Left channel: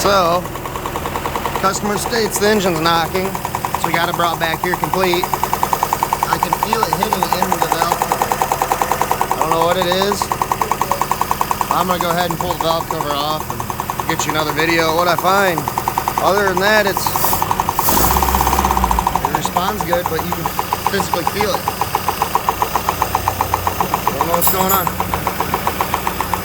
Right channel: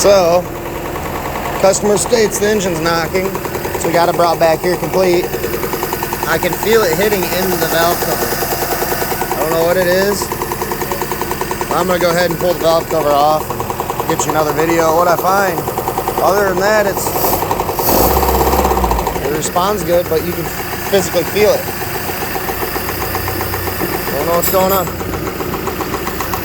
So, customer states the engine's knocking, so we got it brought back here complete. I can feel it hitting into the valve cover. I don't know what it is. I'm gonna go ahead and pull the valve cover off and get you another video of what I find. Other than that, it responds good, but you can physically feel it. Don't know what's going on.